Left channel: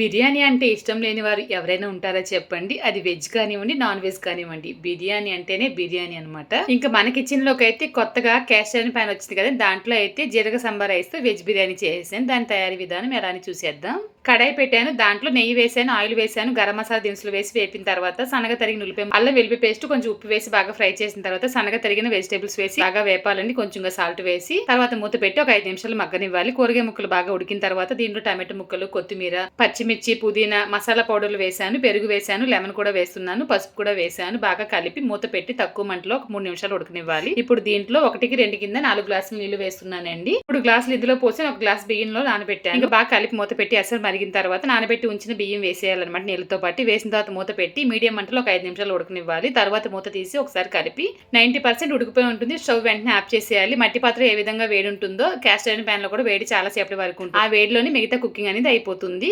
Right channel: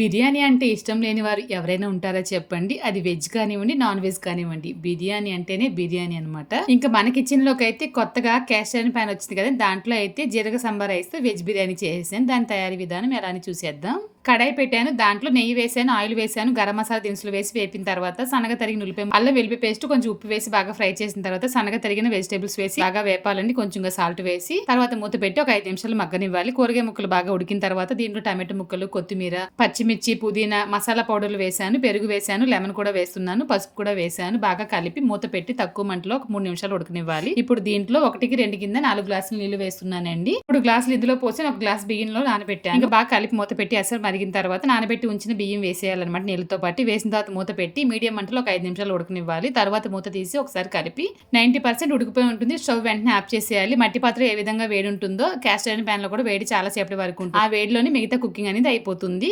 బిర్యానీ అంటే ఇష్టం లేని వారు ఎవరైనా ఉంటారా చెప్పండి. అది వెజ్ కానివ్వండి, నాన్ వెజ్ కానివ్వండి. బిర్యానీ అంటేనే బిర్యానీ అనమాట. ఇంకా మన కిచెన్‌లోకి అయితే కొత్తగా క్యాస్ట్ ఐరన్ పాన్ వచ్చింది కదా! దాంట్లో అయితే జీరక సంబా రైస్‌తో వెజ్ బిర్యానీ చేసేసాను. దాని తయారీ విధానం ఎలా అని చూసేద్దాం. కడాయి పెట్టాను. దాంట్లో నెయ్యి వేసాను, ఆయిల్ వేసాను, గరం మసాలా దినుసులు వేసి వేపిన తర్వాత సన్నగా తరిగిన ఉల్లిపాయ, అల్లం వెల్లుల్లి పేస్ట్, కొంచెం ఉప్పు వేసి బాగా ఫ్రై చేసిన తర్వాత సన్నగా తరిగిన వెజిటేబుల్స్ వేసి బాగా వేపాలండి. కొంచెంగా సాల్ట్ వేసి తర్వాత మూత పెట్టి ఒక 5 నిమిషాలు మగ్గనివ్వాలి. కూరగాయ ముక్కలు బాగా ఉడికిన తర్వాత దీంట్లో టమాటో ముక్కలు, కొత్తిమీర, పచ్చిమిర్చి, పుదీనా, మసాలా పౌడర్లు వేసాను, పెరుగు వేసాను, లెమన్ కూడా వేస్తున్నాను, పసుపు కూడా వేసాను. బాగా కలిపి మూత పెట్టి తక్కువ మంటలో ఒక 3 నిమిషాలు ఉడకనివ్వాలి. ఇప్పుడు దీంట్లో 1కి 2 కింద 4 గ్లాసులు నీళ్లు వేస్తున్నానండి. 3 గ్లాసులు ఇందులో పోసి ఒక గ్లాస్ బియ్యంలో నానబెట్టాను. ఇంకా బాగా కలిపి మూత పెట్టి అసలు మరిగిన తర్వాత నానబెట్టి ఉంచిన బియ్యం వేసేయాలన్నమాట నీళ్ళతో పాటు. వేసిన తర్వాత మూత పెట్టి మీడియం మంటలో ఒక 5 నిమిషాలు ఉడకనివ్వాలి. తర్వాత మూత తీసి ఒకసారి కలిపి 90% ఉడికిపోయి ఉంటుంది. స్టవ్ వెంటనే ఆఫ్ చేసేయాలి. మట్టి పాత్ర ఏ విధంగా వేడి ఉంటుందో క్యాస్ట్ ఐరన్ ప్యాన్ లో కూడా వేడి చాలా సేపటి వరకు ఉంటుంది. ఆ వేడిలోని మిగతా కుకింగ్ అనేది అయిపోతుంది.